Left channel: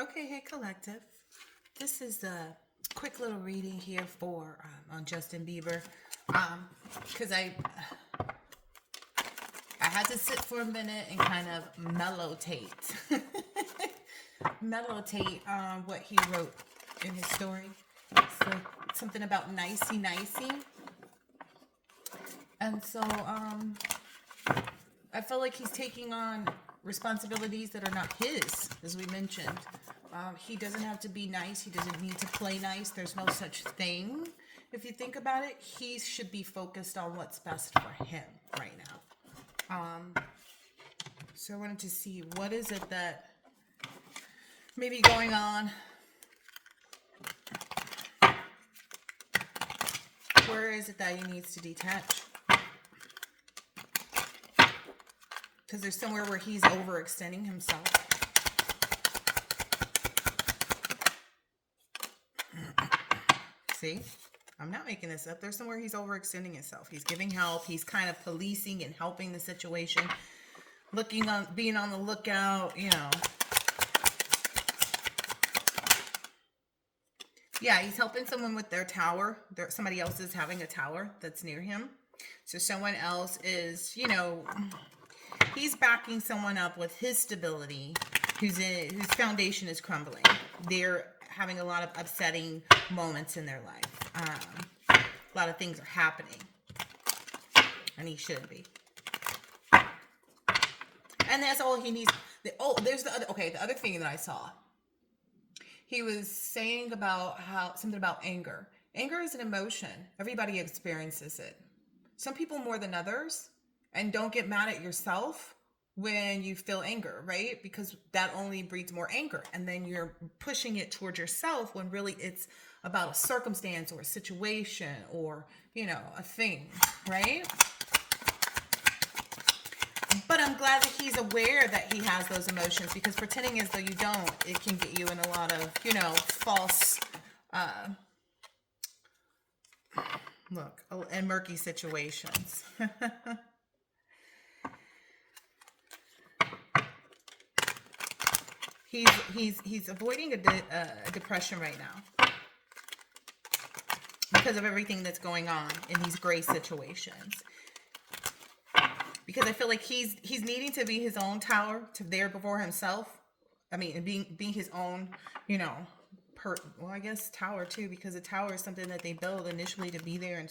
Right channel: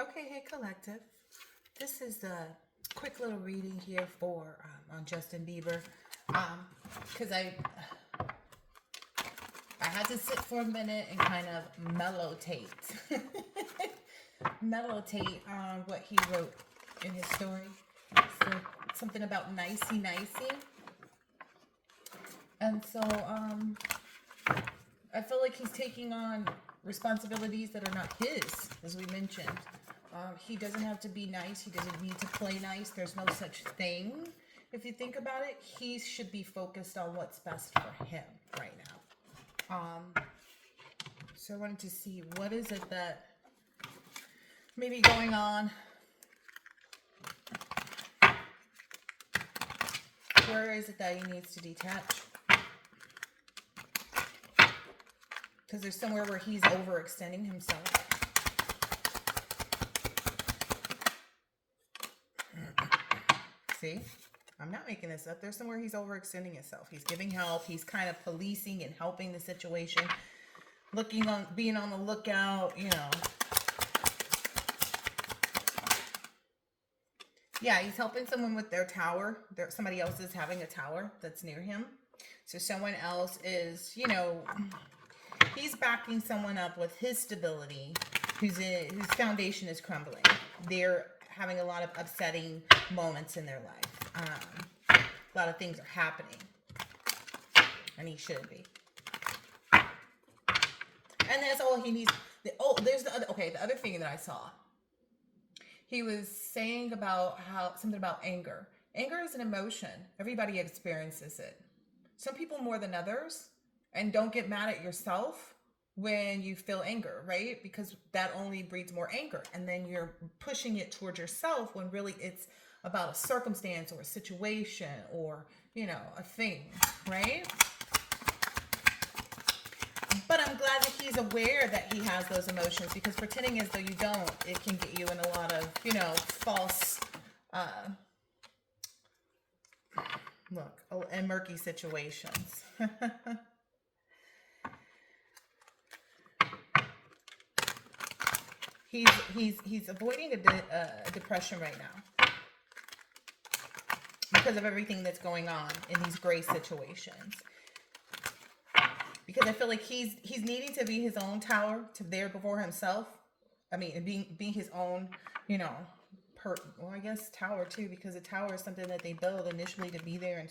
Okay, hey collective. This is a quick little reading here for on Justin Bieber, because I had to sit for a minute and kind of mellotate on what he wrote in his story. So something about Nicey Nicey, and so I feel like he's taking on responsibilities that are not his, as we mentioned. He doesn't have to be nice. He doesn't need to play nice. There's no such thing. If you think about it, he should be focused on what's best for him right now. So I wanted to see what is it that may be going on. Where is it that he needs to detach? Because there's somewhere where he's overextending himself. See? I'm not making this up. There's somewhere he's overextending himself. He's giving help. He's kind of policing and helping the situation. Being on the lookout, you know. Yeah, he's helping someone with their tower. Somebody else is having a tower that's near him. So someone else is, you know, he's backing someone up with his stability, whose foundation is crumbling. They're having a lot of upsetting moments in their life. A lot of things are happening, and he should be. And that's all he needs. There's the other thing that I saw. He was saying about something about anger. Anger is an emotion. Everybody experiences it. Some people more than others. And don't get mad at yourself when you feel anger, right? Because that only breeds more anger. And then you're pushing it towards yourself when really it's about a circumstance or a situation or, you know, a thing, right? But I'm glad that he's aware that he has those emotions, because pretending as though you don't, it can get you in a lot of, you know, false, and murky situations. He's avoiding a depression right now because of everything that's going on in these gray situations. Because I feel like he's needing to be his own tower to there before himself. I mean, and being his own, you know, I guess tower too, because a tower is something that they build initially to be there and,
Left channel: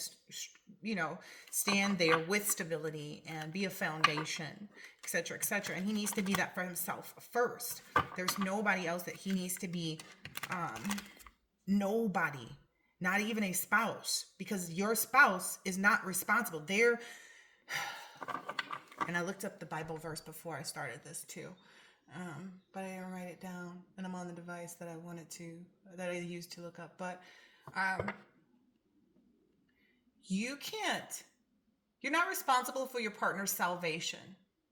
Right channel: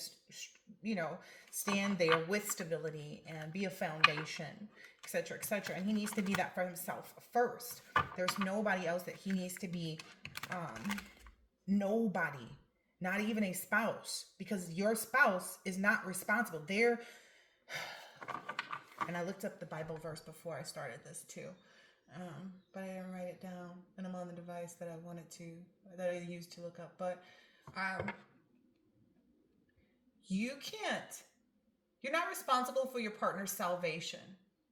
you know, stand there with stability and be a foundation, etc., etc. And he needs to be that for himself first. There's nobody else that he needs to be. Nobody, not even a spouse, because your spouse is not responsible. And I looked up the Bible verse before I started this too. But I didn't write it down, and I'm on the device that I used to look up. But you're not responsible for your partner's salvation.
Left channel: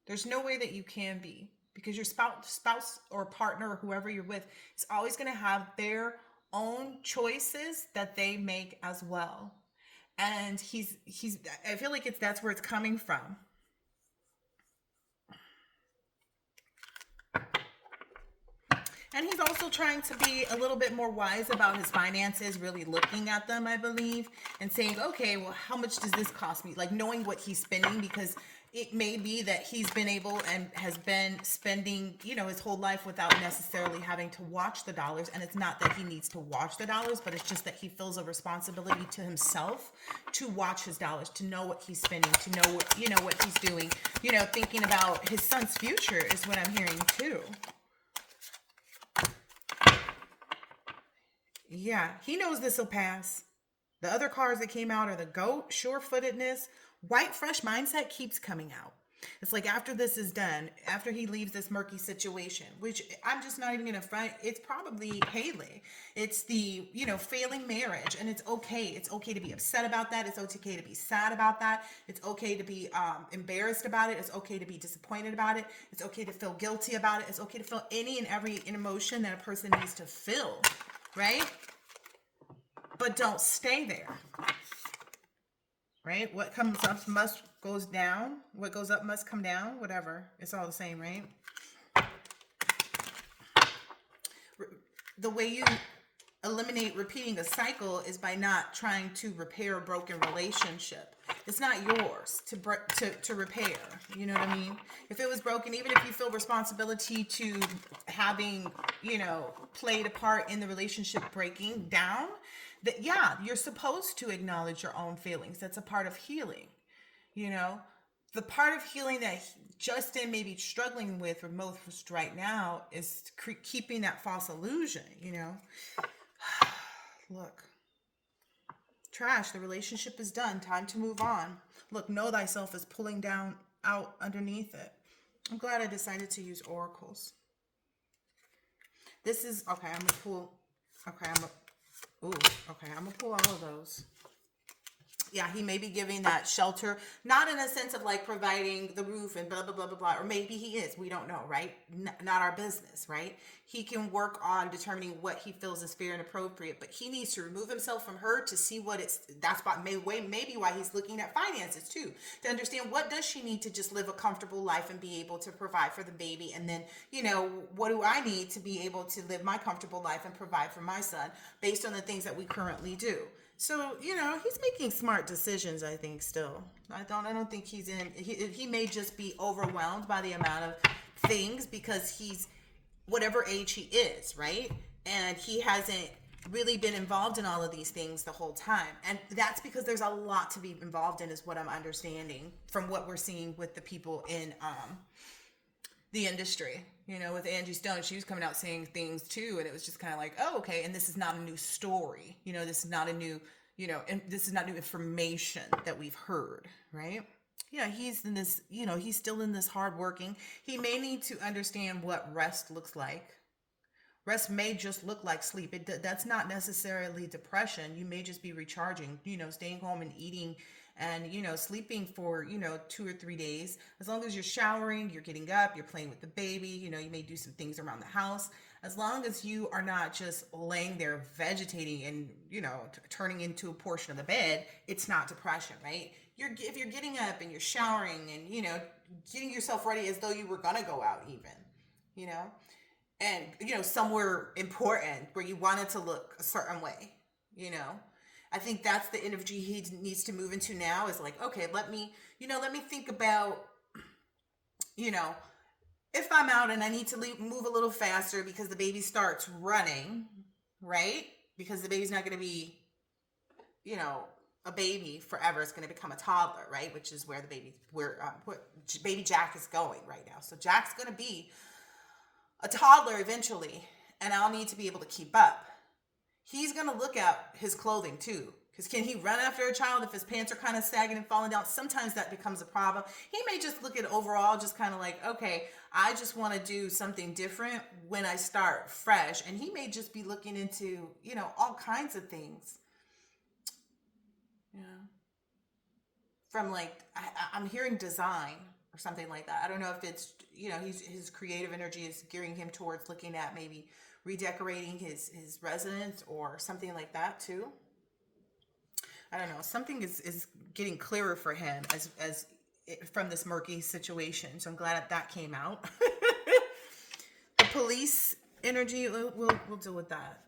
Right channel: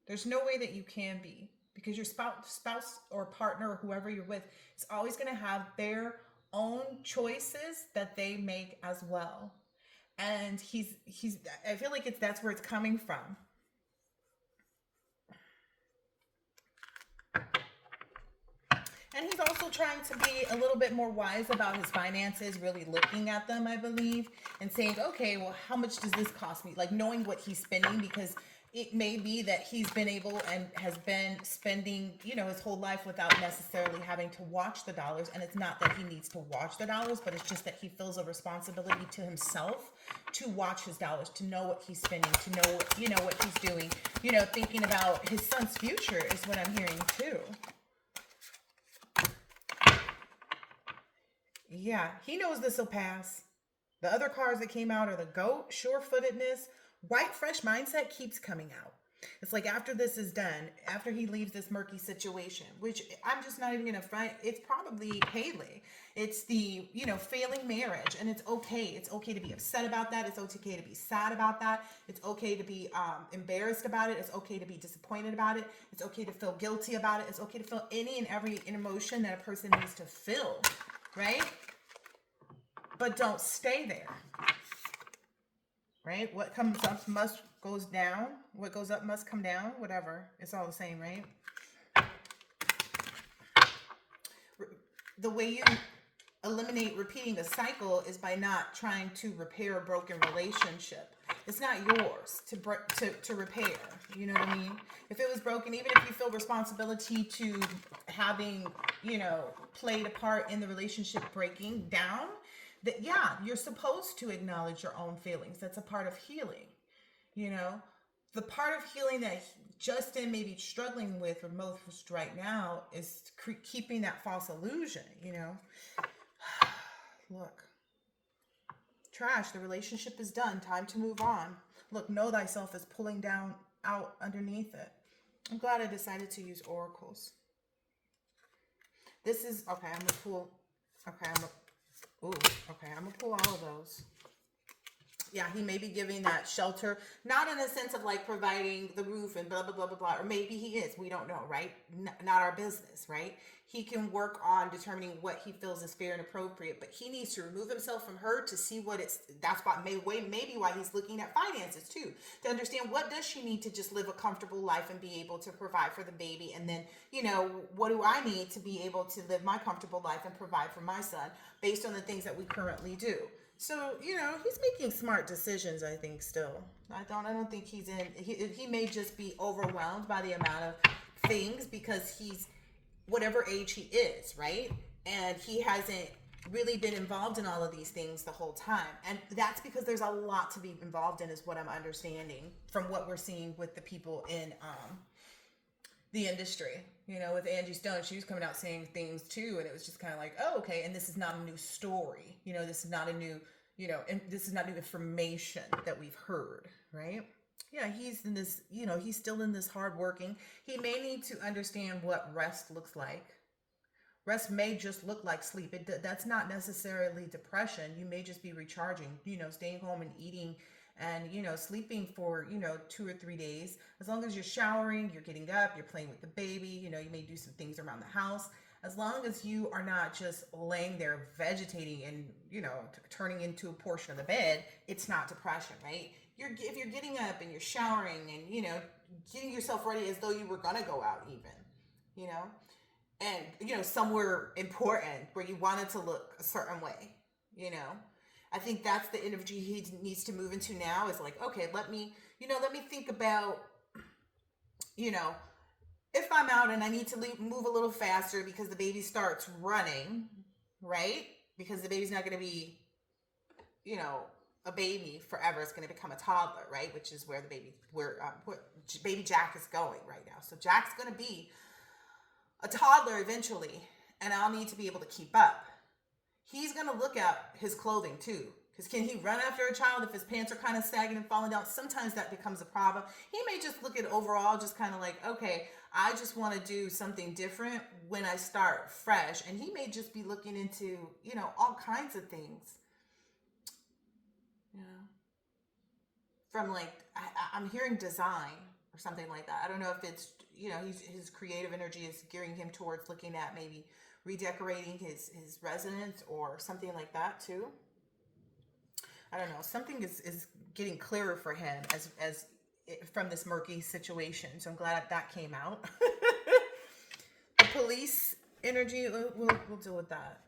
There's no way that you can be, because your spouse or partner or whoever you're with is always going to have their own choices that they make as well. And I feel like that's where it's coming from. And he's also trying to be a little bit more wise about his finances, really looking at them, I believe, and saying, okay, well, how much does this cost me? Like knowing what he's spending, because it may be that he's been able and has been spending, you know, his whole life without necessarily having to watch the dollars. And it's not that he needs to watch the dollars, but it's just that he feels a responsibility to himself to watch his dollars, to know what he's spending, to know, you know, what he's doing, you know, thinking about his son's future is what I'm hearing too. Yeah, he knows this will pass. The other cards that came out are the goat, sure-footedness, white, fresh mindset keeps coming out. It's like after this is done, after he leaves this murky situation, which I'm just not even going to front, it's probably Haley. It's the, you know, failing marriage, and it's okay. It's okay to be upset about that. It's okay to be sad about that. It's okay to be embarrassed about it. It's okay to be disappointed about it. It's okay to feel guilty about it. It's okay to feel any and every emotion that a person needs to feel, right? But don't stay there. Right? What comes up must goes down. What goes up must come down. Whatever. It's all the same, right? the way you eliminate repeating a cycle is by not trying to repair a broken relationship. It's not yours to repair. You know what I mean? If it was broken, even if you feel responsibility to having, played a part in the relationship breaking down, that yeah, you're supposed to acknowledge your own feelings. That's a part of healing. You know, the part of healing that Justin may be struggling with or most right now is keeping that false illusion. Look, trash. The relationship is done. Time to move on. Look, know thyself is pulling down out underneath it. I'm glad I decided to use oracles. This is okay. I'm gonna pull. Okay, I'm gonna pull all of those. Yeah, he may be giving that shelter, not in the sense of like providing the roof and blah, blah, blah, blah, blah, or maybe he is. We don't know, right? Not our business, right? He can work on determining what he feels is fair and appropriate, but he needs to remove himself from her to see that's maybe why he's looking at finances too, to understand what does she need to just live a comfortable life and be able to provide for the baby. And then, what do I need to be able to live my comfortable life and provide for my son based on the things that we currently do. So, he's making smart decisions, I think, still. I don't think he may just be overwhelmed by the amount of things because he's whatever age he is, right? And he hasn't really been involved in all of these things the whole time. And that's because there's a lot to be involved in, is what I'm understanding from what we're seeing with the people in the industry. With Angie Stone, she was coming out saying things too, and it was just kind of like, oh, okay. And this is not a new story. This is not a new, and this is not new information that we've heard, right? Yeah, he's in this, he's still in this hard working. He may need to understand what rest looks like. Rest may just look like sleep. That's not necessarily depression. You may just be recharging, staying home and eating and, sleeping for, 2 or 3 days. As long as you're showering, you're getting up, you're playing with the baby, you may do some things around the house. As long as you are not just laying there vegetating and, turning into a portion of the bed, it's not depression, right? If you're getting up and you're showering and, getting yourself ready as though you were going to go out even, and, somewhere important where you want it to look a certain way, I think that's the energy he needs to move into now, is like, okay, let me think about, if I'm out and I need to move a little faster because the baby starts running, right? Because the baby's not going to be, a baby forever. It's going to become a toddler, right? Which is where baby Jack is going right now. So Jack's going to be a toddler eventually, and I'll need to be able to keep up. He's going to look at his clothing too. Because can he run after a child if his pants are kind of sagging and falling down? Sometimes that becomes a problem. He may just look at overall, just kind of like, okay, I just want to do something different when I start fresh. And he may just be looking into, all kinds of things. From like, I'm hearing design or something like that. I don't know if it's, his creative energy is gearing him towards looking at maybe redecorating his residence or something like that too. I don't know. Something is getting clearer for him as from this murky situation. So I'm glad that came out. The police energy, we'll deal with that.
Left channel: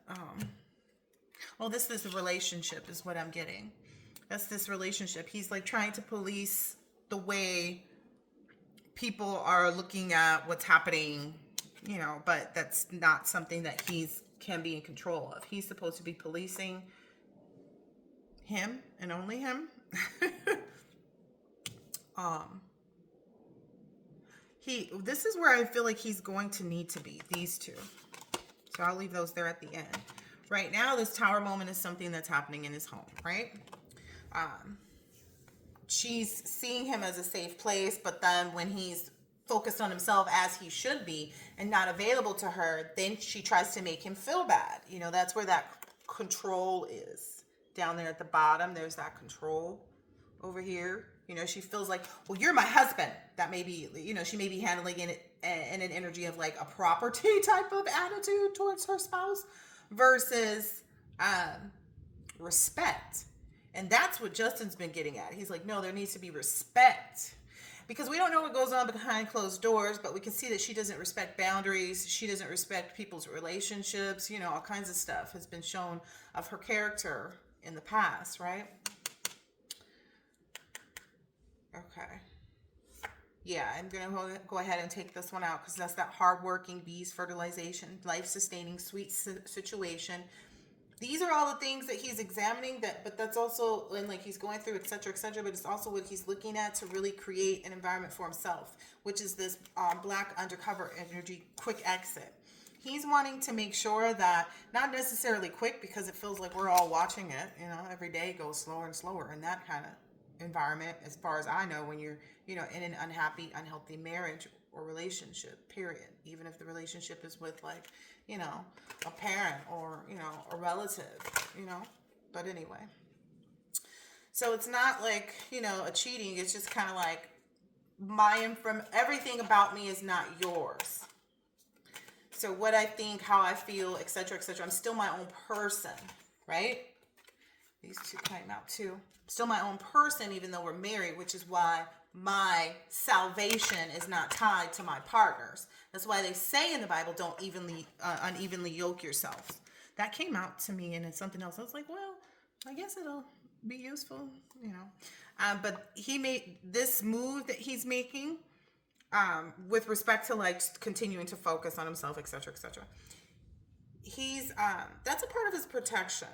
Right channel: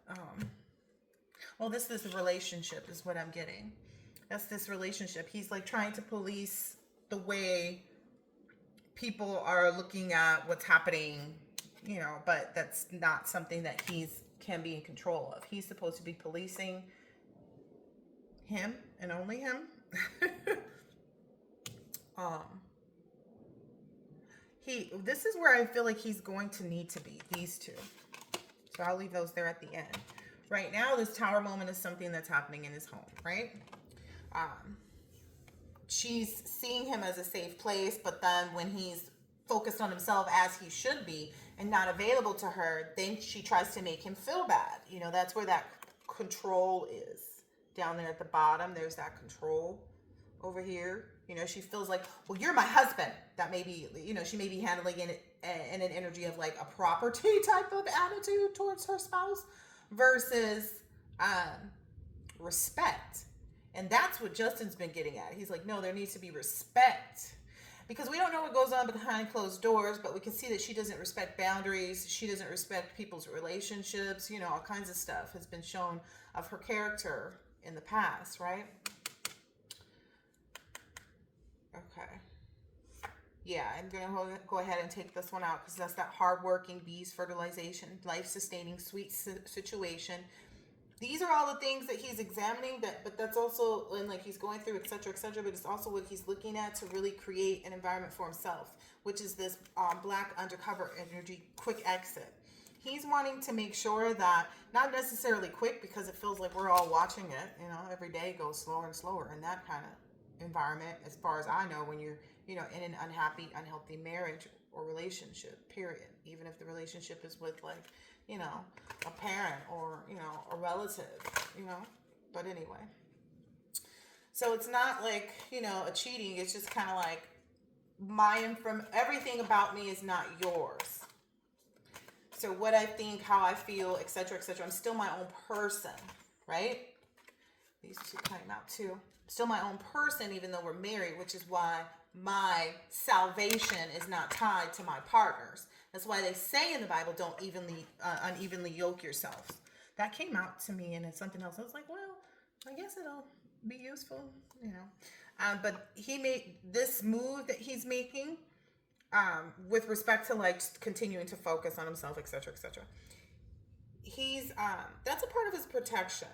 Well, this is a relationship is what I'm getting. That's this relationship. He's like trying to police the way people are looking at what's happening, but that's not something that can be in control of. He's supposed to be policing him and only him. This is where I feel like he's going to need to be, these two. So I'll leave those there at the end. Right now, this tower moment is something that's happening in his home, right? She's seeing him as a safe place, but then when he's focused on himself as he should be and not available to her, then she tries to make him feel bad. That's where that control is. Down there at the bottom, there's that control over here. She feels like, well, you're my husband. That may be, she may be handling it in an energy of like a property type of attitude towards her spouse versus respect. And that's what Justin's been getting at. He's like, no, there needs to be respect. Because we don't know what goes on behind closed doors, but we can see that she doesn't respect boundaries. She doesn't respect people's relationships. You know, all kinds of stuff has been shown of her character in the past, right? Okay. Yeah, I'm going to go ahead and take this one out because that's that hardworking bees, fertilization, life-sustaining, sweet situation. These are all the things that he's examining, but that's also, and like he's going through, etc., but it's also what he's looking at to really create an environment for himself, which is this black undercover energy, quick exit. He's wanting to make sure that, not necessarily quick because it feels like we're all watching it, you know, every day goes slower and slower in that kind of environment, as far as I know, when you're, you know, in an unhappy, unhealthy marriage or relationship, period. Even if the relationship is with, like, you know, a parent or, you know, a relative, you know. But anyway, so it's not like, you know, a cheating. It's just kind of like from everything about me is not yours. So what I think, how I feel, etc., I'm still my own person, right? These two came out too. Still my own person, even though we're married, which is why my salvation is not tied to my partner's. That's why they say in the Bible, don't unevenly yoke yourself. That came out to me, and it's something else. I was like, well, I guess it'll be useful, you know. But he made this move that he's making with respect to like continuing to focus on himself, etc., He's that's a part of his protection.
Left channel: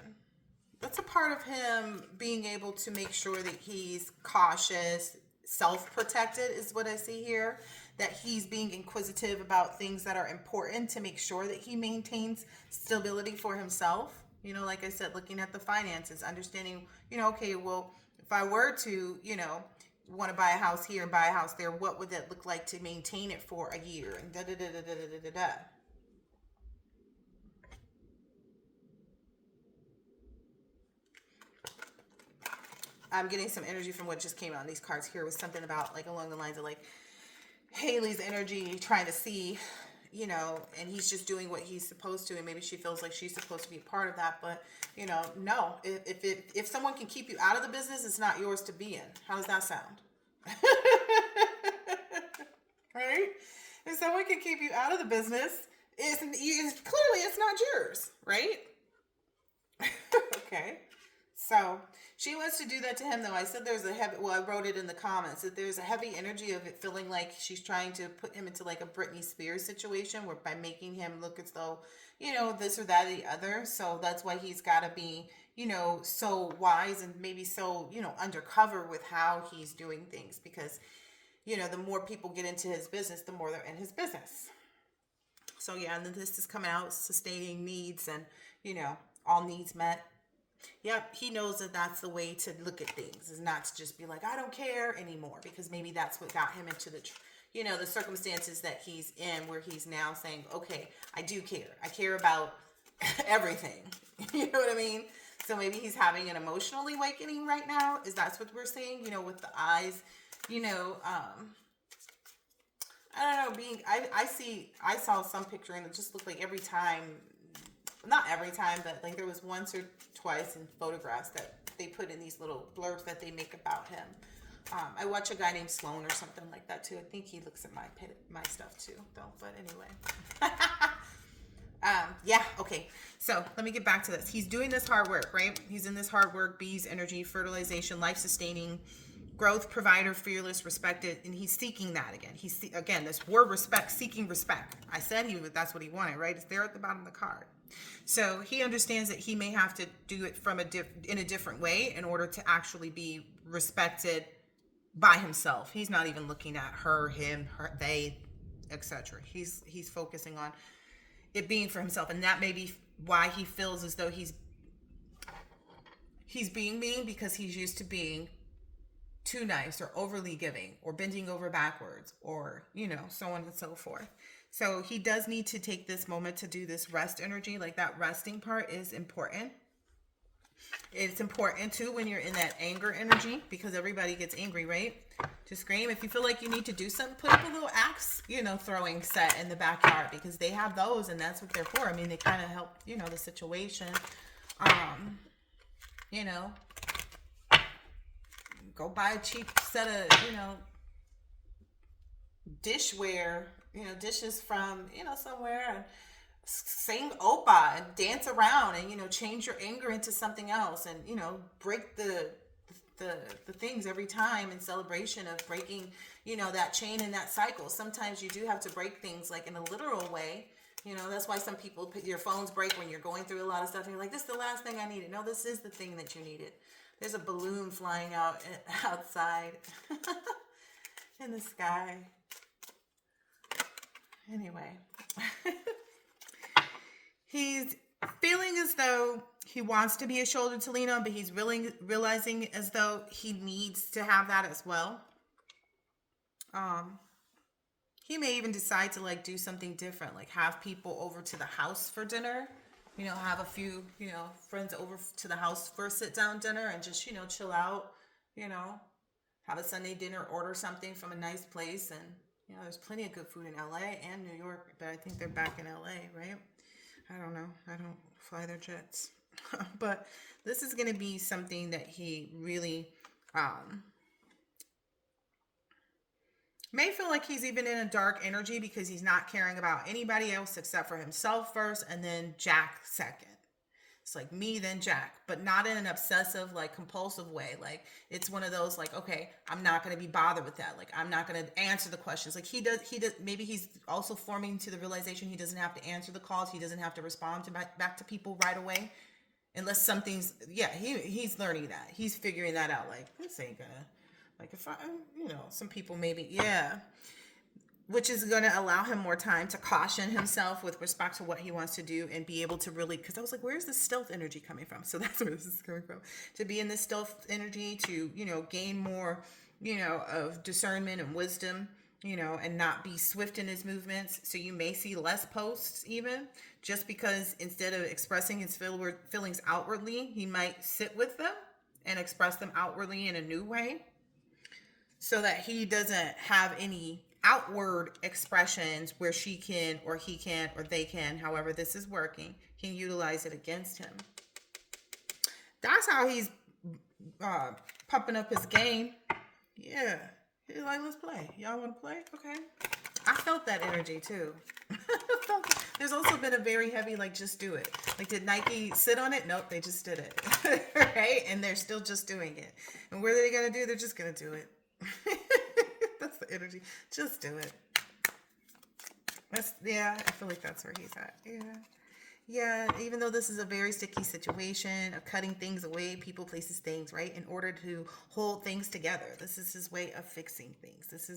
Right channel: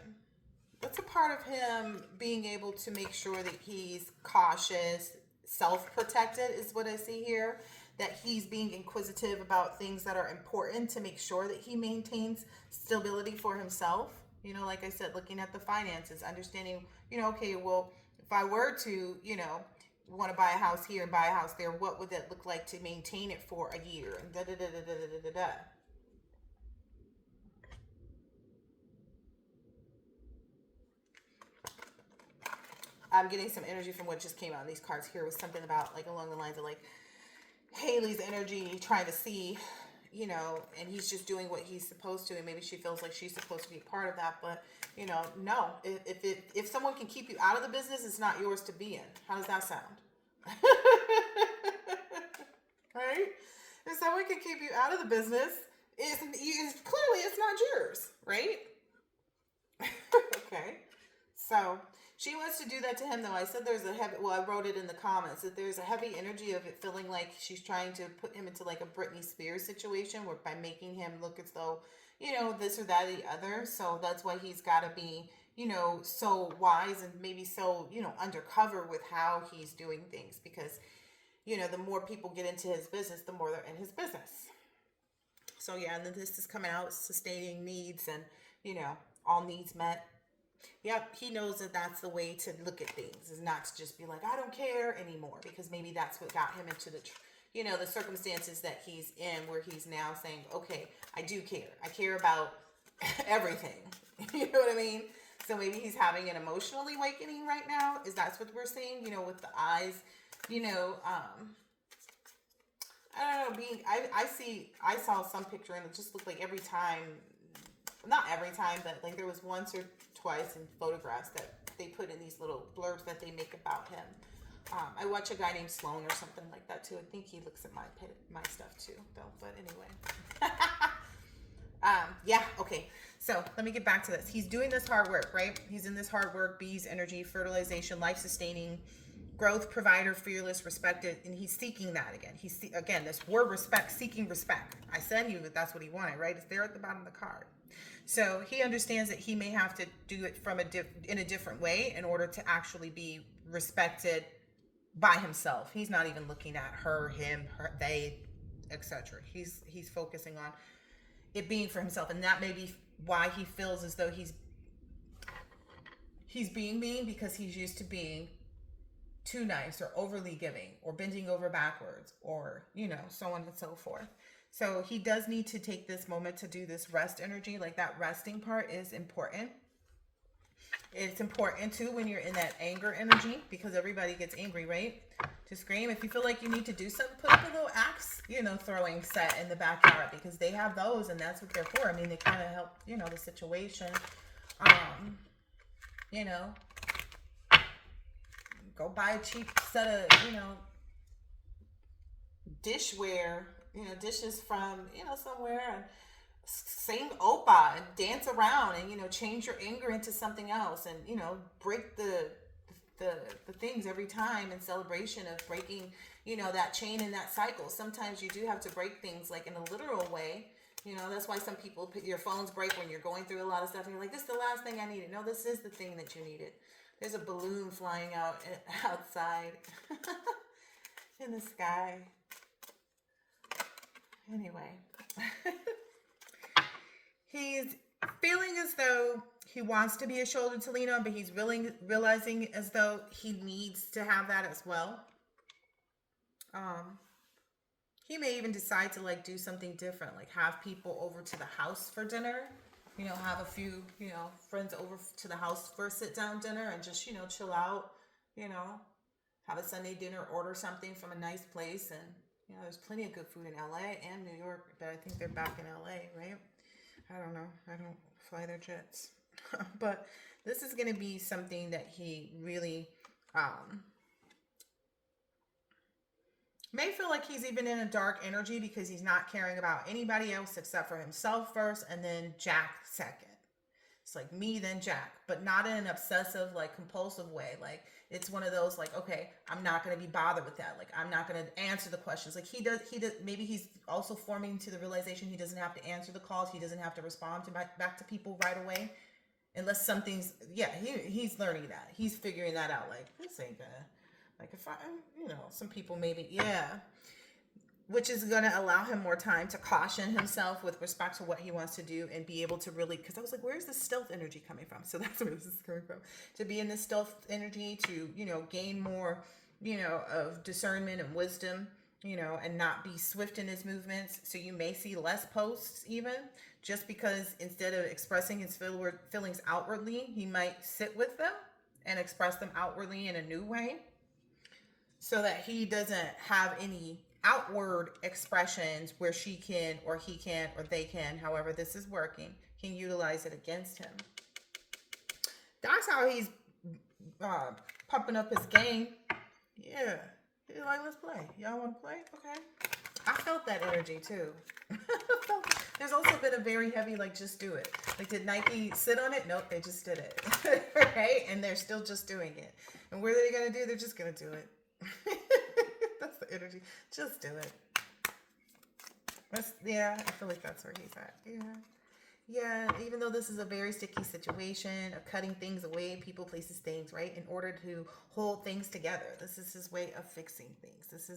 That's a part of him being able to make sure that he's cautious, self-protected is what I see here. That he's being inquisitive about things that are important to make sure that he maintains stability for himself. You know, like I said, looking at the finances, understanding, you know, okay, well, if I were to, you know, want to buy a house here, buy a house there, what would that look like to maintain it for a year? And da-da-da-da-da-da-da-da. I'm getting some energy from what just came out in these cards here was something about like along the lines of like Haley's energy trying to see, you know, and he's just doing what he's supposed to, and maybe she feels like she's supposed to be a part of that, but you know, no. If someone can keep you out of the business, it's not yours to be in. How does that sound? Right? If someone can keep you out of the business, it's clearly it's not yours, right? Okay. So she wants to do that to him, though. I said there's a heavy, well, I wrote it in the comments, that there's a heavy energy of it feeling like she's trying to put him into like a Britney Spears situation where by making him look as though, you know, this or that or the other. So that's why he's got to be, you know, so wise and maybe so, you know, undercover with how he's doing things. Because, you know, the more people get into his business, the more they're in his business. So yeah, and then this is coming out, sustaining needs and, you know, all needs met. Yep, he knows that that's the way to look at things, is not to just be like, I don't care anymore, because maybe that's what got him into the, you know, the circumstances that he's in, where he's now saying, okay, I do care. I care about everything. You know what I mean? So maybe he's having an emotional awakening right now. Is that's what we're seeing? You know, with the eyes, you know, I don't know, I saw some picture and it just looked like every time, not every time, but like there was once or twice in photographs that they put in these little blurbs that they make about him. I watch a guy named Sloan or something like that too. I think he looks at my stuff too, though. But anyway, yeah, okay. So let me get back to this. He's doing this hard work, right? He's in this hard work, bees, energy, fertilization, life-sustaining, growth, provider, fearless, respected, and he's seeking that again. Again, this word respect, seeking respect. I said that's what he wanted, right? It's there at the bottom of the card. So he understands that he may have to do it from in a different way in order to actually be respected by himself. He's not even looking at her, him, her, they, etc. He's focusing on it being for himself, and that may be why he feels as though he's being mean, because he's used to being too nice or overly giving or bending over backwards or, you know, so on and so forth. So he does need to take this moment to do this rest energy. Like that resting part is important. It's important too when you're in that anger energy, because everybody gets angry, right? To scream. If you feel like you need to do something, put up a little axe, you know, throwing set in the backyard, because they have those and that's what they're for. I mean, they kind of help, you know, the situation. You know, go buy a cheap set of, you know, dishware, dishes from, somewhere, and sing opa and dance around and, change your anger into something else, and, break the the things every time in celebration of breaking, that chain and that cycle. Sometimes you do have to break things like in a literal way. That's why some people, your phones break when you're going through a lot of stuff and you're like, this is the last thing I needed. No, this is the thing that you needed. There's a balloon flying outside in the sky. Anyway, he's feeling as though he wants to be a shoulder to lean on, but he's realizing as though he needs to have that as well. He may even decide to like do something different, like have people over to the house for dinner. Have a few, friends over to the house for a sit down dinner and just, chill out, have a Sunday dinner, order something from a nice place. And, there's plenty of good food in LA and New York, but I think they're back in LA, right? I don't know. I don't fly their jets. But this is going to be something that he really may feel like he's even in a dark energy because he's not caring about anybody else except for himself first, and then Jack second. It's like me, then Jack, but not in an obsessive, like compulsive way. Like it's one of those like, okay, I'm not going to be bothered with that. Like I'm not going to answer the questions. Like he does. Maybe he's also forming to the realization he doesn't have to answer the calls. He doesn't have to respond to back to people right away. Unless something's, he's learning that. He's figuring that out. Like, this ain't gonna, like if I, some people maybe, which is going to allow him more time to caution himself with respect to what he wants to do and be able to really, because I was like, where's the stealth energy coming from? So that's where this is coming from. To be in this stealth energy, to, gain more, of discernment and wisdom, and not be swift in his movements. So you may see less posts even, just because instead of expressing his feelings outwardly, he might sit with them and express them outwardly in a new way, so that he doesn't have any outward expressions where she can or he can or they can, however this is working, can utilize it against him. That's how he's pumping up his game. Yeah. He's like, let's play. Y'all want to play? Okay. I felt that energy too. There's also been a very heavy, like, just do it. Like, did Nike sit on it? Nope, they just did it. Right? And they're still just doing it. And what are they going to do? They're just going to do it. That's the energy. Just do it. I feel like that's where he's at. Yeah, even though this is a very sticky situation of cutting things away, people, places, things, right? In order to hold things together. This is his way of fixing things. This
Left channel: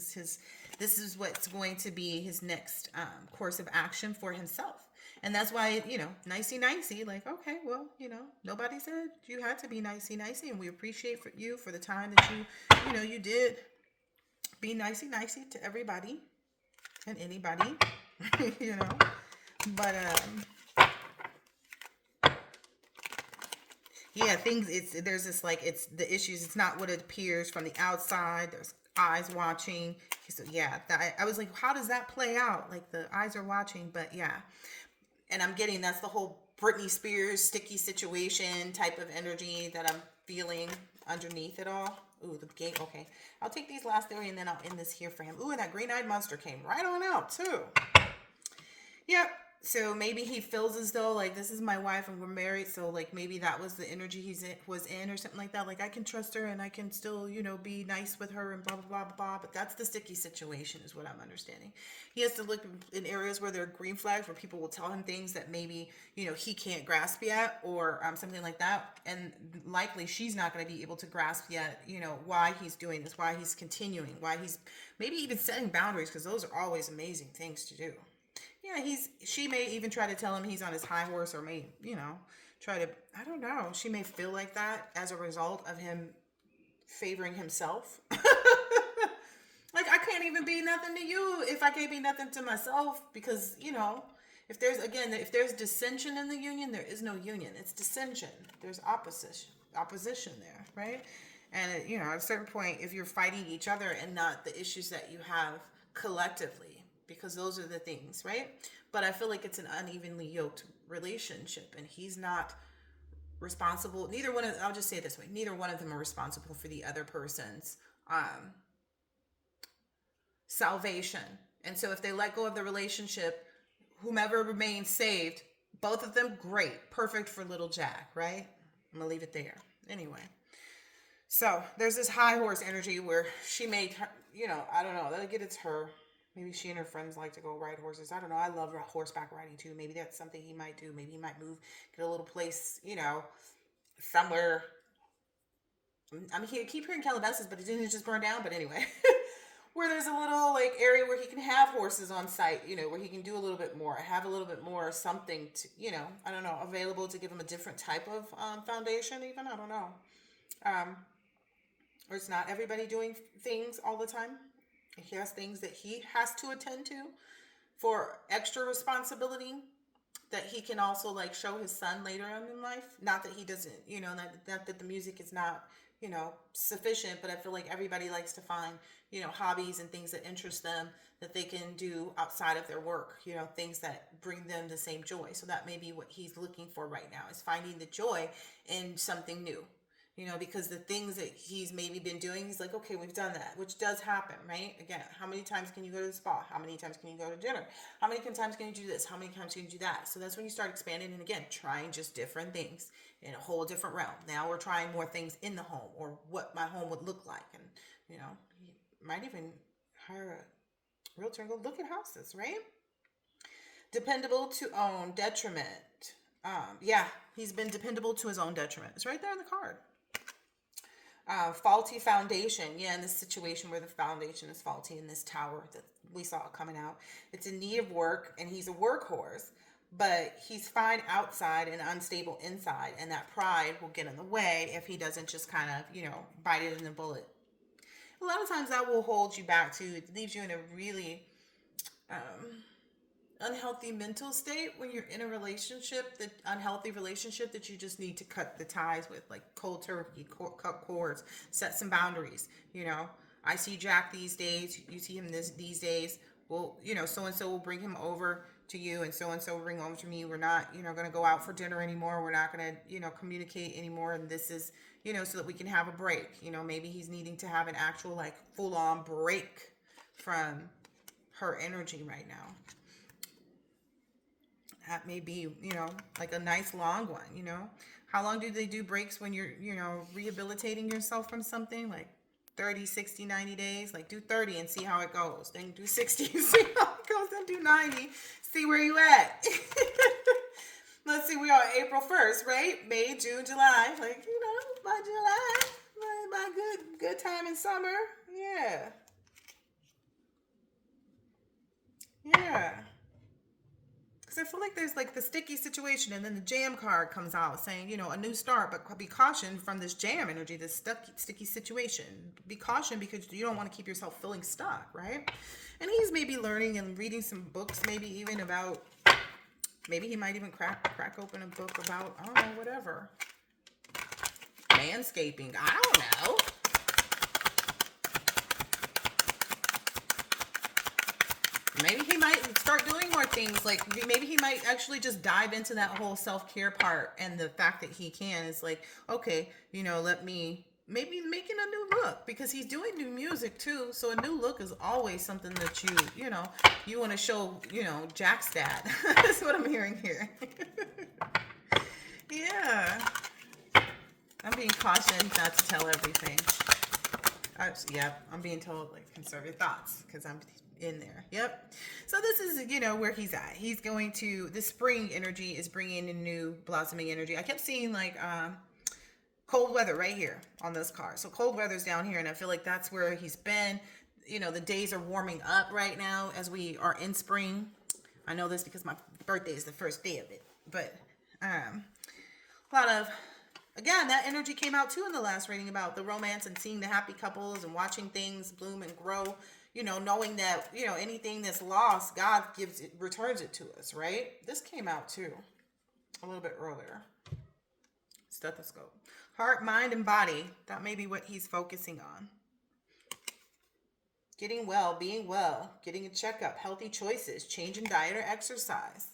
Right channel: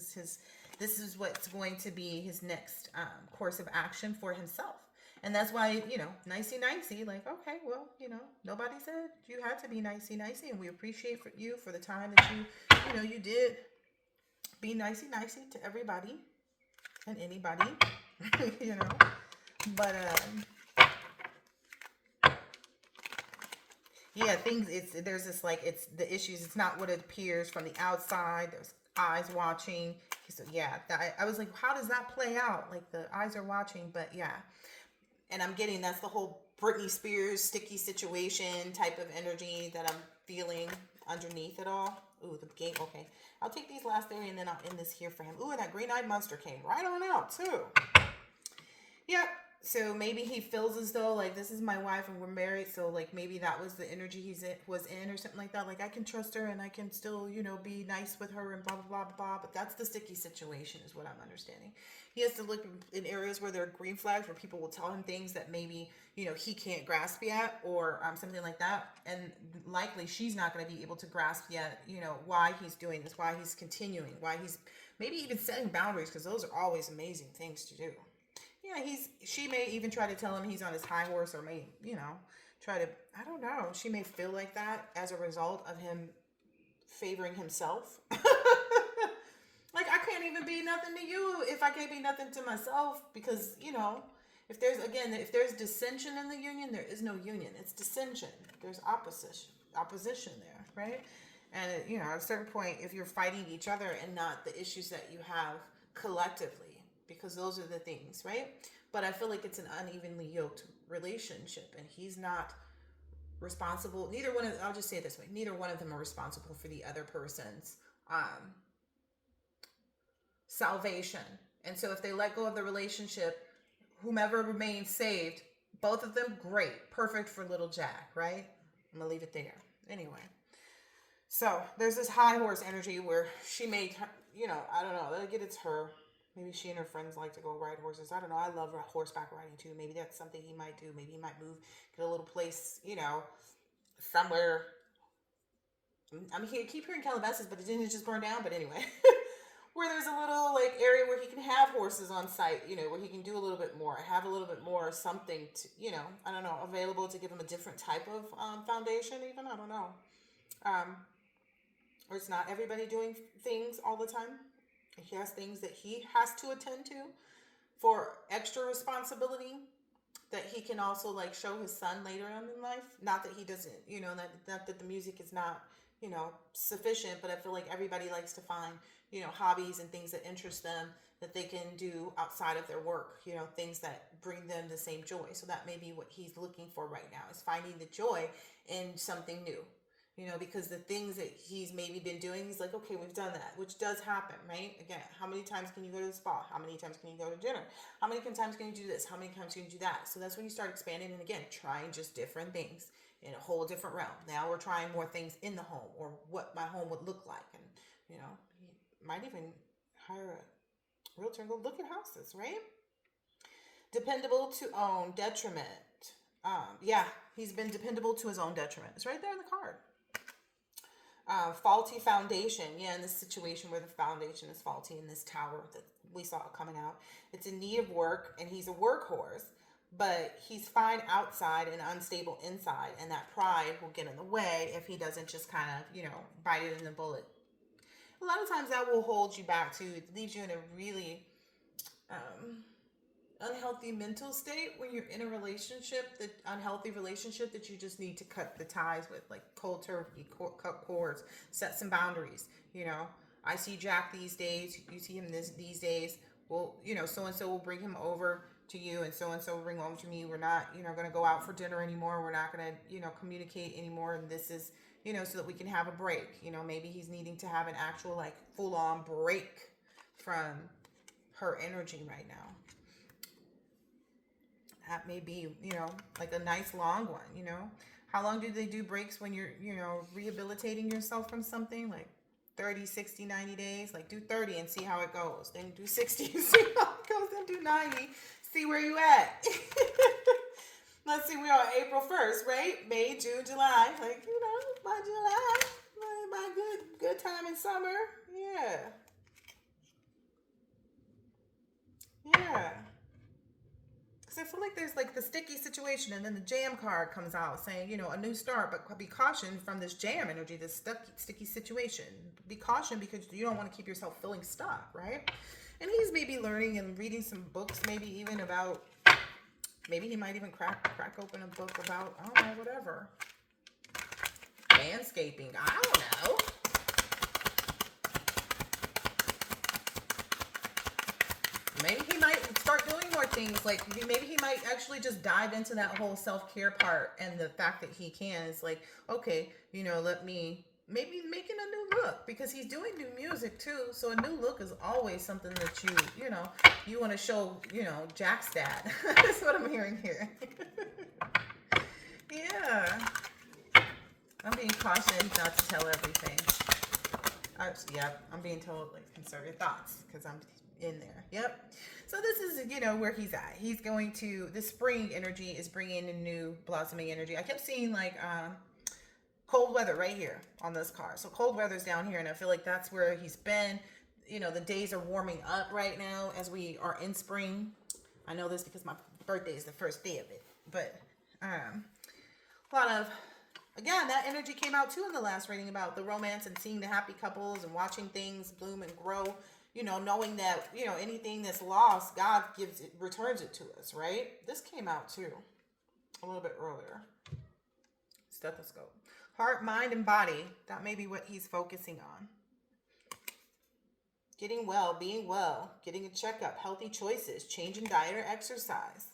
is what's going to be his next course of action for himself. And that's why, nicey nicey, like, okay, well, nobody said you had to be nicey nicey, and we appreciate you for the time that you did be nicey nicey to everybody and anybody, but there's this, like, it's the issues. It's not what it appears from the outside. There's eyes watching. So I was like, how does that play out? Like, the eyes are watching, but and I'm getting that's the whole Britney Spears sticky situation type of energy that I'm feeling underneath it all. Ooh, the game. Okay, I'll take these last three and then I'll end this here for him. Ooh, and that green-eyed monster came right on out too. Yep. So maybe he feels as though, like, this is my wife and we're married. So, like, maybe that was the energy was in or something like that. Like, I can trust her and I can still, be nice with her and blah, blah, blah, blah. But that's the sticky situation is what I'm understanding. He has to look in areas where there are green flags, where people will tell him things that maybe, he can't grasp yet, or something like that. And likely she's not going to be able to grasp yet, why he's doing this, why he's continuing, why he's maybe even setting boundaries, because those are always amazing things to do. Yeah, she may even try to tell him he's on his high horse, or may, try to, I don't know. She may feel like that as a result of him favoring himself. Like, I can't even be nothing to you if I can't be nothing to myself, because, if there's dissension in the union, there is no union. It's dissension. There's opposition there, right? And, at a certain point, if you're fighting each other and not the issues that you have collectively, because those are the things, right? But I feel like it's an unevenly yoked relationship, and he's not responsible. I'll just say it this way. Neither one of them are responsible for the other person's salvation And so if they let go of the relationship, whomever remains saved, both of them, great. Perfect for little Jack, right? I'm going to leave it there. Anyway. So there's this high horse energy where she made her, I don't know. Like it's her. Maybe she and her friends like to go ride horses. I don't know. I love horseback riding too. Maybe that's something he might do. Maybe he might move, get a little place, somewhere. Keep hearing Calabasas, but it didn't just burn down. But anyway, where there's a little like area where he can have horses on site, where he can do a little bit more, have a little bit more something to, I don't know, available to give him a different type of foundation. Even I don't know. Or it's not everybody doing things all the time. He has things that he has to attend to for extra responsibility that he can also like show his son later on in life. Not that he doesn't, not that the music is not, sufficient, but I feel like everybody likes to find, hobbies and things that interest them that they can do outside of their work, things that bring them the same joy. So that may be what he's looking for right now, is finding the joy in something new. Because the things that he's maybe been doing, he's like, okay, we've done that, which does happen, right? Again, how many times can you go to the spa? How many times can you go to dinner? How many times can you do this? How many times can you do that? So that's when you start expanding and again, trying just different things in a whole different realm. Now we're trying more things in the home or what my home would look like. And, he might even hire a realtor and go look at houses, right? Dependable to own, detriment. He's been dependable to his own detriment. It's right there in the card. Faulty foundation. Yeah, in this situation where the foundation is faulty in this tower that we saw coming out. It's in need of work, and he's a workhorse, but he's fine outside and unstable inside, and that pride will get in the way if he doesn't just kind of, bite it in the bullet. A lot of times that will hold you back too. It leaves you in a really unhealthy mental state when you're in a relationship, that unhealthy relationship that you just need to cut the ties with, like cold turkey, cut cords, set some boundaries. I see Jack these days, you see him these days. Well, so and so will bring him over to you, and so will bring over to me. We're not, going to go out for dinner anymore. We're not going to, communicate anymore. And this is, so that we can have a break. Maybe he's needing to have an actual like full on break from her energy right now. That may be, like a nice long one, How long do they do breaks when you're, rehabilitating yourself from something? Like 30, 60, 90 days? Like do 30 and see how it goes. Then do 60 and see how it goes. Then do 90. See where you at. Let's see, we are April 1st, right? May, June, July. Like, by July. By good time in summer. Yeah. Yeah. I feel like there's like the sticky situation, and then the jam card comes out saying, a new start, but be cautioned from this jam energy, this sticky situation. Be cautioned because you don't want to keep yourself feeling stuck, right? And he's maybe learning and reading some books, maybe even about, maybe he might even crack open a book about, I don't know, whatever. Manscaping, I don't know. Maybe he might start doing more things. Like maybe he might actually just dive into that whole self-care part. And the fact that he can is like, okay, let me maybe making a new look, because he's doing new music too. So a new look is always something that you want to show, Jack stat. That's what I'm hearing here. Yeah. I'm being cautioned not to tell everything. I'm being told like conserve your thoughts because I'm in there. Yep. So this is, where he's at. He's going to, the spring energy is bringing in new blossoming energy. I kept seeing like cold weather right here on this card. So cold weather's down here, and I feel like that's where he's been. The days are warming up right now as we are in spring. I know this because my birthday is the first day of it. But a lot of, again, that energy came out too in the last reading about the romance and seeing the happy couples and watching things bloom and grow. Knowing that, anything that's lost, God returns it to us, right? This came out too a little bit earlier. Stethoscope. Heart, mind, and body. That may be what he's focusing on. Getting well, being well, getting a checkup, healthy choices, change in diet or exercise.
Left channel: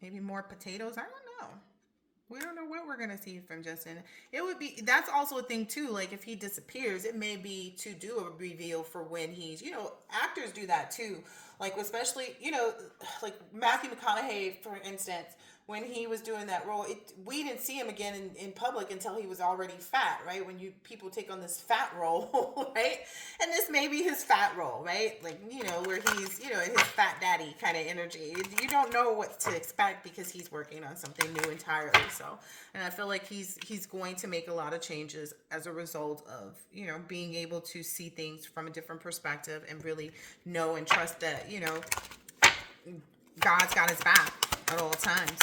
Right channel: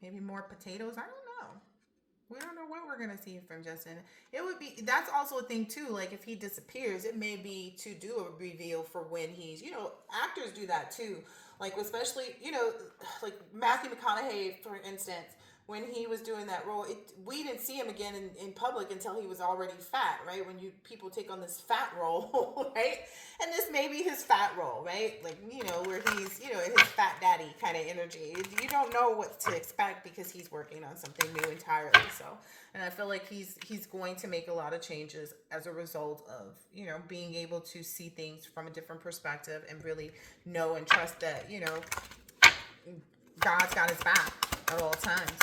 Maybe more potatoes. I don't know. We don't know what we're gonna see from Justin. It would be that's also a thing too. Like if he disappears, it may be to do a reveal for when he's actors do that too. Like especially like Matthew McConaughey for instance, when he was doing that role, we didn't see him again in public until he was already fat, right? When you people take on this fat role, right? And this may be his fat role, right? Like where he's in his fat daddy kind of energy. You don't know what to expect because he's working on something new entirely. So, and I feel like he's going to make a lot of changes as a result of being able to see things from a different perspective and really know and trust that God's got his back at all times.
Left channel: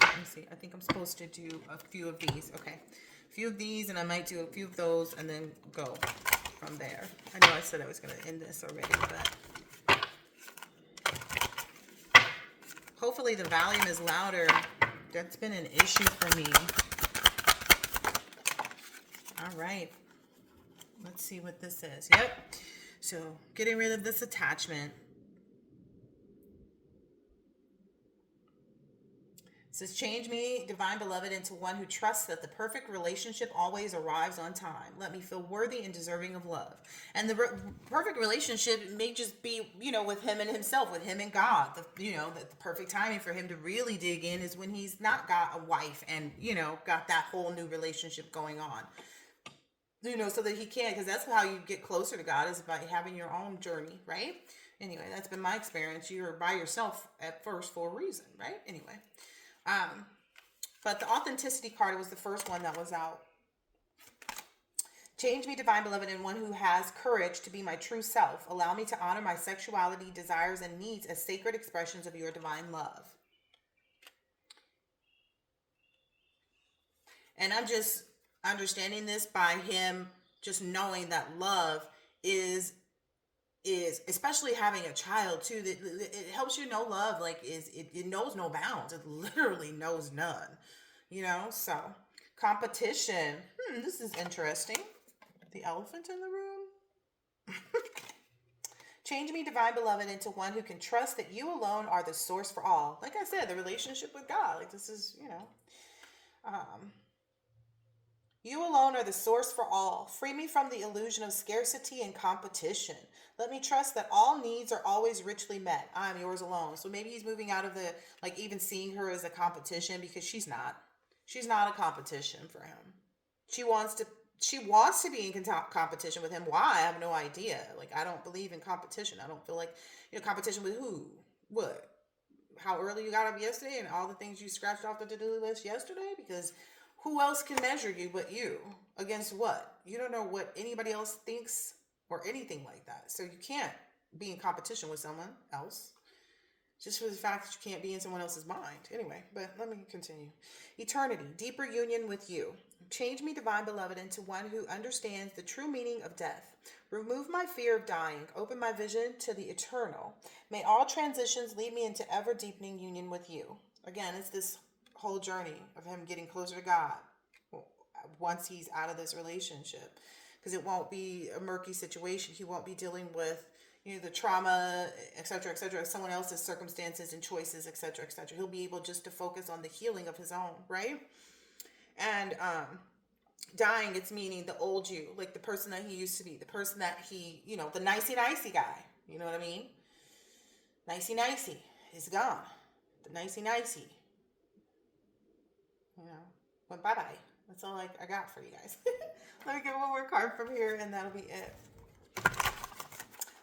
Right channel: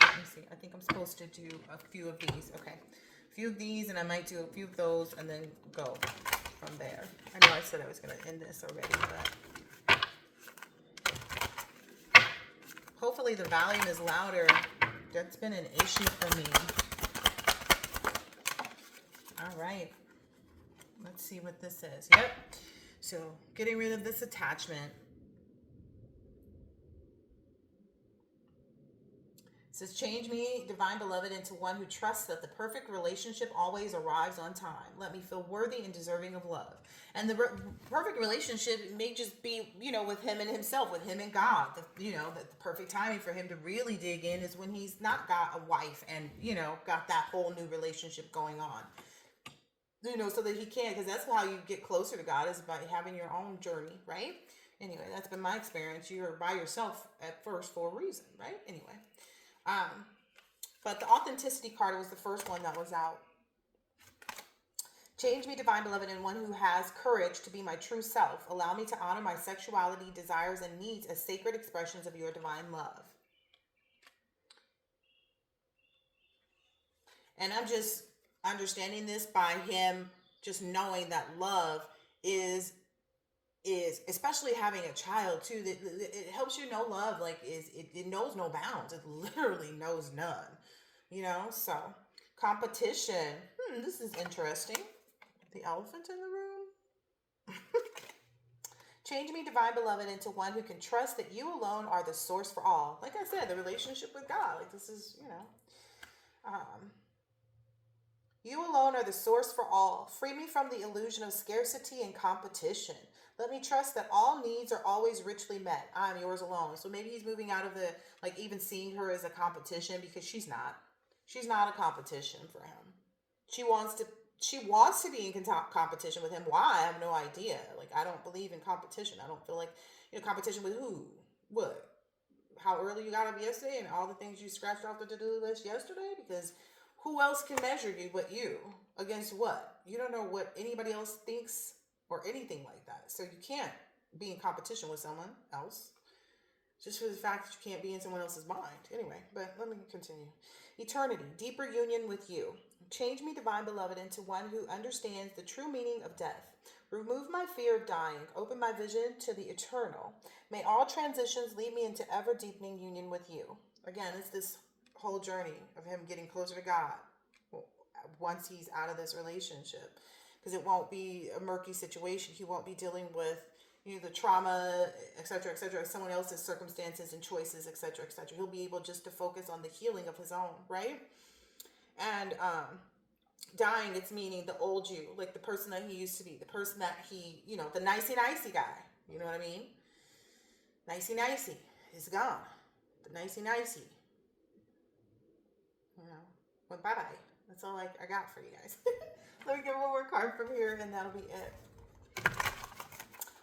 Let me see. I think I'm supposed to do a few of these. Okay. A few of these, and I might do a few of those and then go from there. I know I said I was going to end this already, but hopefully the volume is louder. That's been an issue for me. All right. Let's see what this is. Yep. So getting rid of this attachment. It says, change me, divine beloved, into one who trusts that the perfect relationship always arrives on time. Let me feel worthy and deserving of love. And the perfect relationship may just be, with him and himself, with him and God. The perfect timing for him to really dig in is when he's not got a wife and, got that whole new relationship going on. So that he can, because that's how you get closer to God, is by having your own journey, right? Anyway, that's been my experience. You're by yourself at first for a reason, right? Anyway. But the authenticity card was the first one that was out. Change me, divine beloved, in one who has courage to be my true self. Allow me to honor my sexuality, desires, and needs as sacred expressions of your divine love. And I'm just understanding this by him just knowing that love is especially having a child too, that it helps you know love it knows no bounds. It literally knows none. So competition. This is interesting. The elephant in the room. Change me, divine beloved, into one who can trust that you alone are the source for all. Like I said, the relationship with God. Like this is, you alone are the source for all. Free me from the illusion of scarcity and competition. Let me trust that all needs are always richly met. I'm yours alone. So maybe he's moving out of the, even seeing her as a competition, because she's not. She's not a competition for him. She wants to be in competition with him. Why? I have no idea. I don't believe in competition. I don't feel like, competition with who? What? How early you got up yesterday and all the things you scratched off the to-do list yesterday? Because who else can measure you but you? Against what? You don't know what anybody else thinks or anything like that. So you can't be in competition with someone else just for the fact that you can't be in someone else's mind. Anyway, but let me continue. Eternity, deeper union with you. Change me, divine beloved, into one who understands the true meaning of death. Remove my fear of dying. Open my vision to the eternal. May all transitions lead me into ever deepening union with you. Again, it's this whole journey of him getting closer to God once he's out of this relationship, because it won't be a murky situation. He won't be dealing with the trauma, etc., someone else's circumstances and choices, etc., He'll be able just to focus on the healing of his own, right? And dying, it's meaning the old you, like the person that he used to be, the person that he, the nicey nicey guy, you know what I mean? Nicey nicey is gone. The nicey nicey, went bye-bye. That's all I got for you guys. Let me get one more card from here and that'll be it.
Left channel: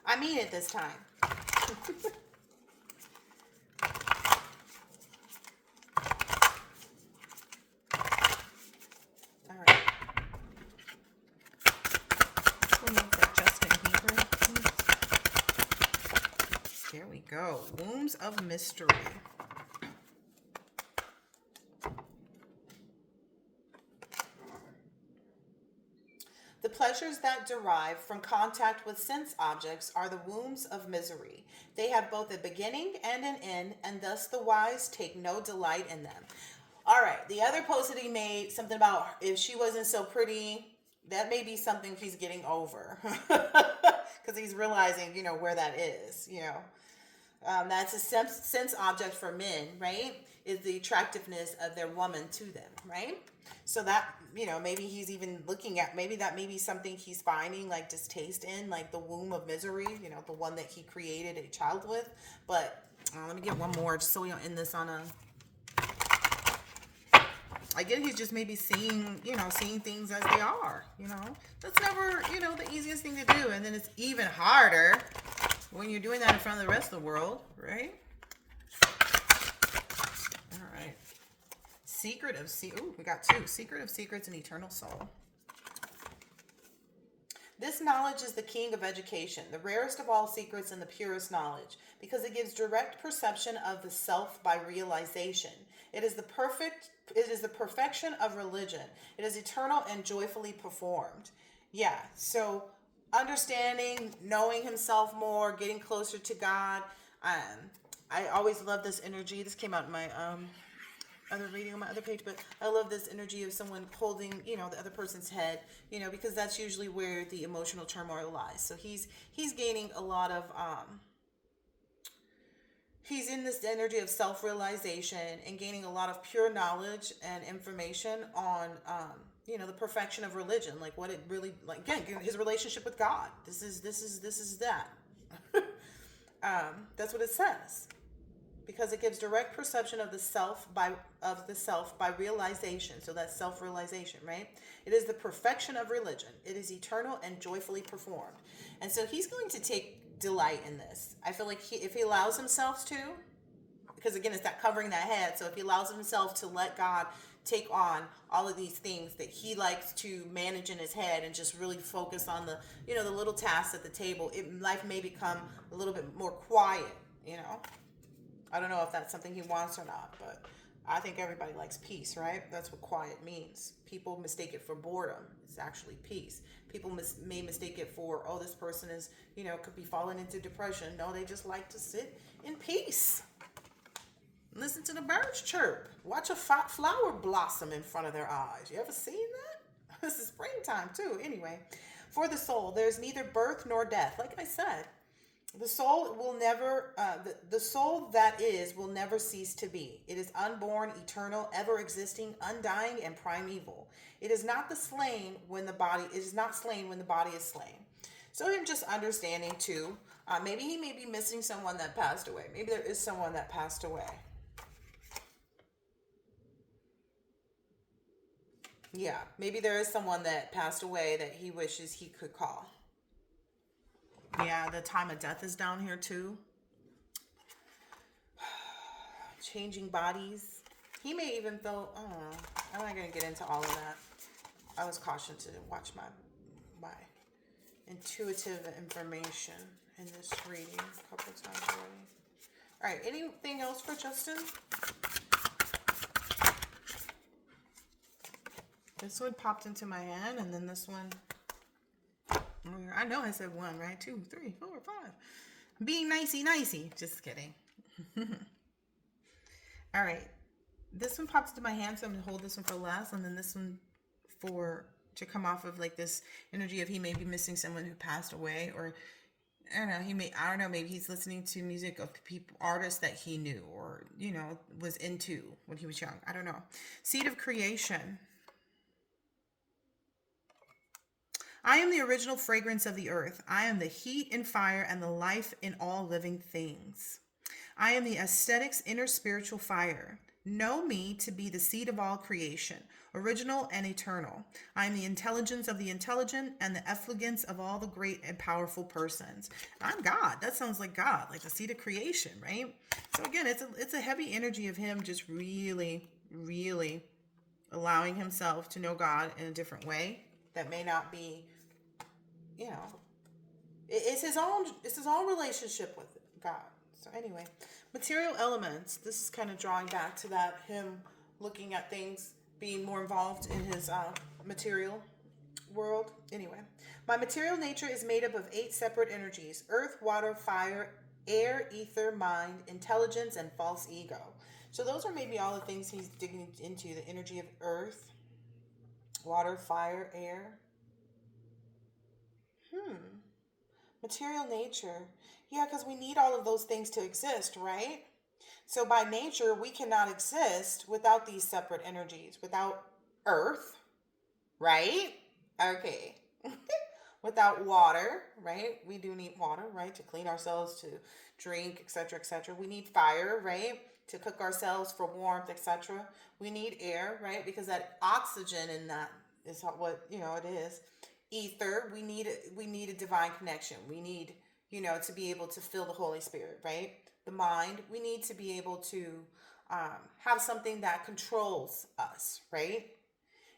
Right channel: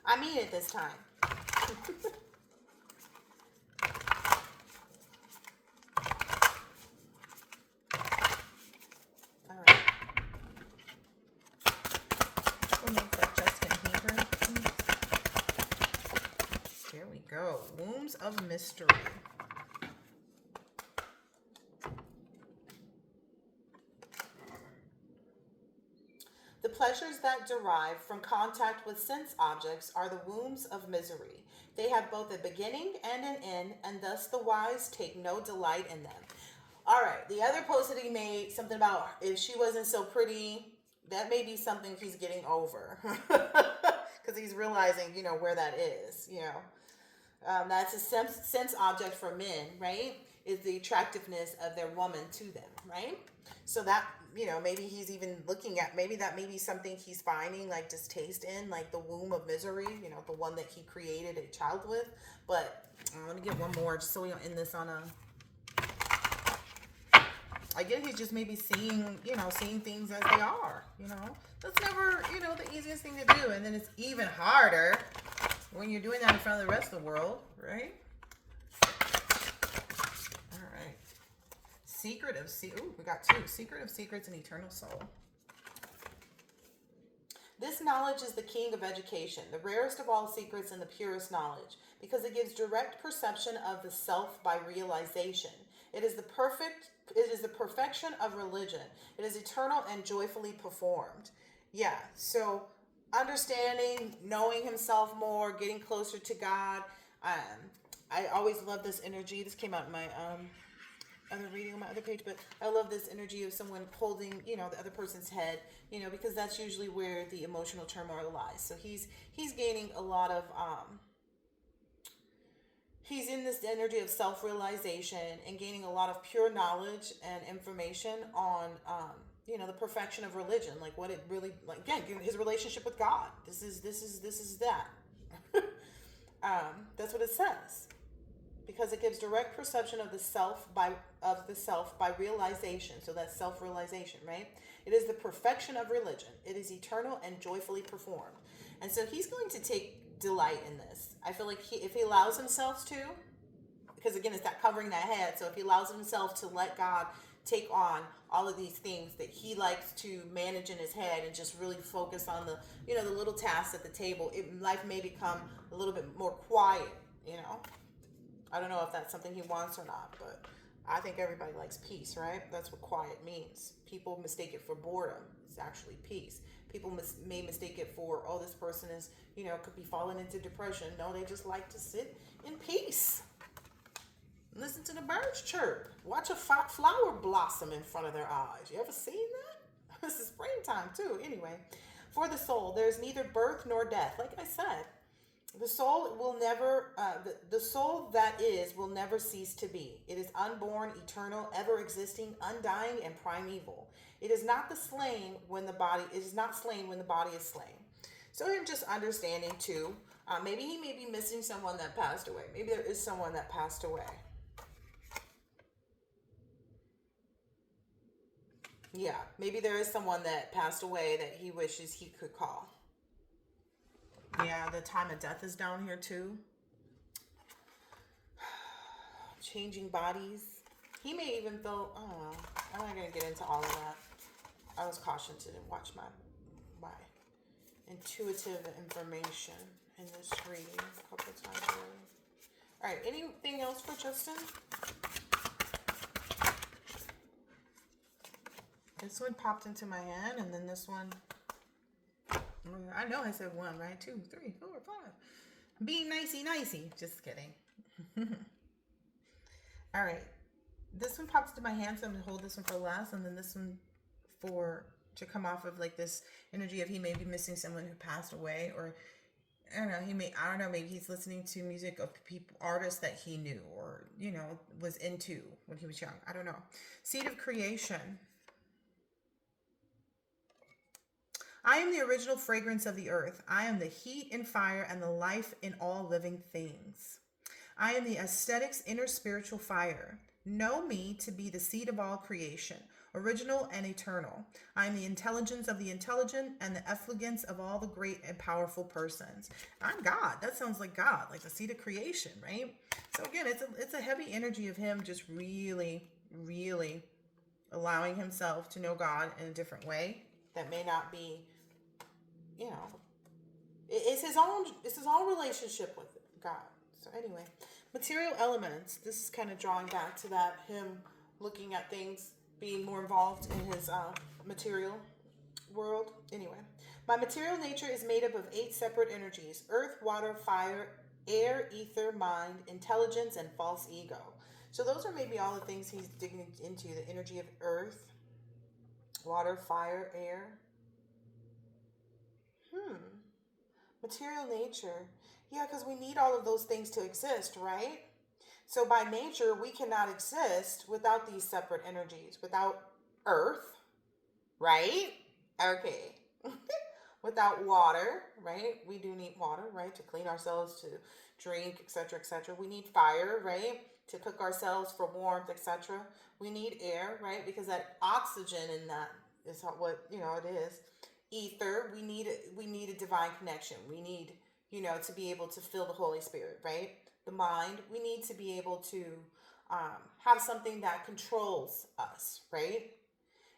I mean it this time. All right. Justin Bieber. Here we go. Wombs of Mystery. The pleasures that derive from contact with sense objects are the wombs of misery. They have both a beginning and an end, and thus the wise take no delight in them. All right, the other post that he made, something about if she wasn't so pretty, that may be something he's getting over. Because he's realizing, where that is, That's a sense object for men, right? is the attractiveness of their woman to them, right? So that, maybe he's even looking at, maybe that may be something he's finding like distaste in, like the womb of misery, the one that he created a child with. But let me get one more just so we don't end this on a, again, he's just maybe seeing things as they are, That's never, the easiest thing to do. And then it's even harder when you're doing that in front of the rest of the world, right? All right. We got two. Secret of secrets and eternal soul. This knowledge is the king of education, the rarest of all secrets and the purest knowledge, because it gives direct perception of the self by realization. It is the perfection of religion. It is eternal and joyfully performed. Yeah, so understanding, knowing himself more, getting closer to God. I always love this energy. This came out in my other reading on my other page, but I love this energy of someone holding, the other person's head, because that's usually where the emotional turmoil lies. So he's gaining a lot of, he's in this energy of self-realization and gaining a lot of pure knowledge and information on, the perfection of religion, like what it really, like, again, his relationship with God. This is that. That's what it says. Because it gives direct perception of the self by realization. So that's self-realization, right? It is the perfection of religion. It is eternal and joyfully performed. And so he's going to take delight in this. I feel like if he allows himself to, because again, it's that covering that head. So if he allows himself to let God take on all of these things that he likes to manage in his head and just really focus on the, the little tasks at the table, life may become a little bit more quiet, I don't know if that's something he wants or not, but I think everybody likes peace, right? That's what quiet means. People mistake it for boredom. It's actually peace. People may mistake it for, oh, this person is, could be falling into depression. No, they just like to sit in peace. Listen to the birds chirp. Watch a flower blossom in front of their eyes. You ever seen that? This is springtime too. Anyway, for the soul, there's neither birth nor death. Like I said, the soul will never, the soul that is will never cease to be. It is unborn, eternal, ever existing, undying, and primeval. It is not slain when the body is slain. So him just understanding too, maybe he may be missing someone that passed away. Maybe there is someone that passed away. Yeah, maybe there is someone that passed away that he wishes he could call. Yeah, the time of death is down here too. Changing bodies. He may even feel, I'm not going to get into all of that. I was cautioned to watch my intuitive information in this reading a couple of times already. All right, anything else for Justin? This one popped into my hand, and then this one, I know I said 1, right? 2, 3, 4, 5. Being nicey nicey. Just kidding. All right. This one pops into my hand, so I'm going to hold this one for last, and then this one to come off of like this energy of he may be missing someone who passed away, or I don't know, maybe he's listening to music of artists that he knew or, was into when he was young. I don't know. Seed of creation. I am the original fragrance of the earth. I am the heat and fire and the life in all living things. I am the aesthetic's inner spiritual fire. Know me to be the seed of all creation, original and eternal. I am the intelligence of the intelligent and the effulgence of all the great and powerful persons. I'm God. That sounds like God, like the seed of creation, right? So again, it's a heavy energy of him just really, really allowing himself to know God in a different way that may not be, it's his own relationship with God. So anyway, material elements. This is kind of drawing back to that, him looking at things, being more involved in his material world. Anyway, my material nature is made up of 8 separate energies: earth, water, fire, air, ether, mind, intelligence, and false ego. So those are maybe all the things he's digging into: the energy of earth, water, fire, air. Material nature. Yeah, because we need all of those things to exist, right? So by nature, we cannot exist without these separate energies, without earth, right? Okay. Without water, right? We do need water, right? To clean ourselves, to drink, etc., etc. We need fire, right? To cook ourselves for warmth, etc. We need air, right? Because that oxygen in that is what, it is. Ether, we need a divine connection. We need, to be able to feel the Holy Spirit, right? The mind, we need to be able to have something that controls us, right?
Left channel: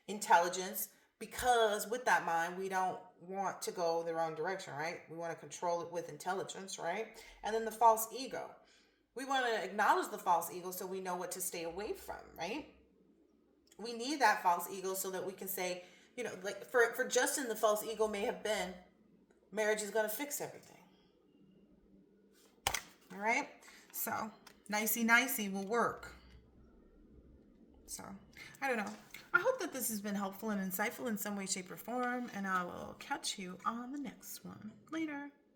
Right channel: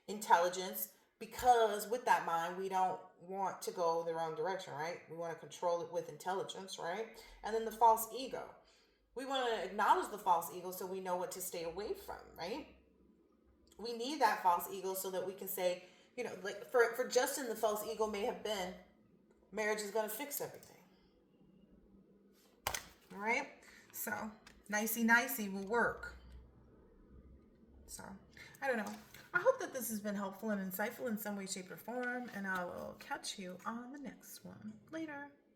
Intelligence, because with that mind we don't want to go the wrong direction, right? We want to control it with intelligence, right? And then the false ego, we want to acknowledge the false ego so we know what to stay away from, right? We need that false ego so that we can say, like for Justin, the false ego may have been marriage is going to fix everything. All right, so nicey nicey will work. So, I don't know. I hope that this has been helpful and insightful in some way, shape, or form, and I will catch you on the next one. Later.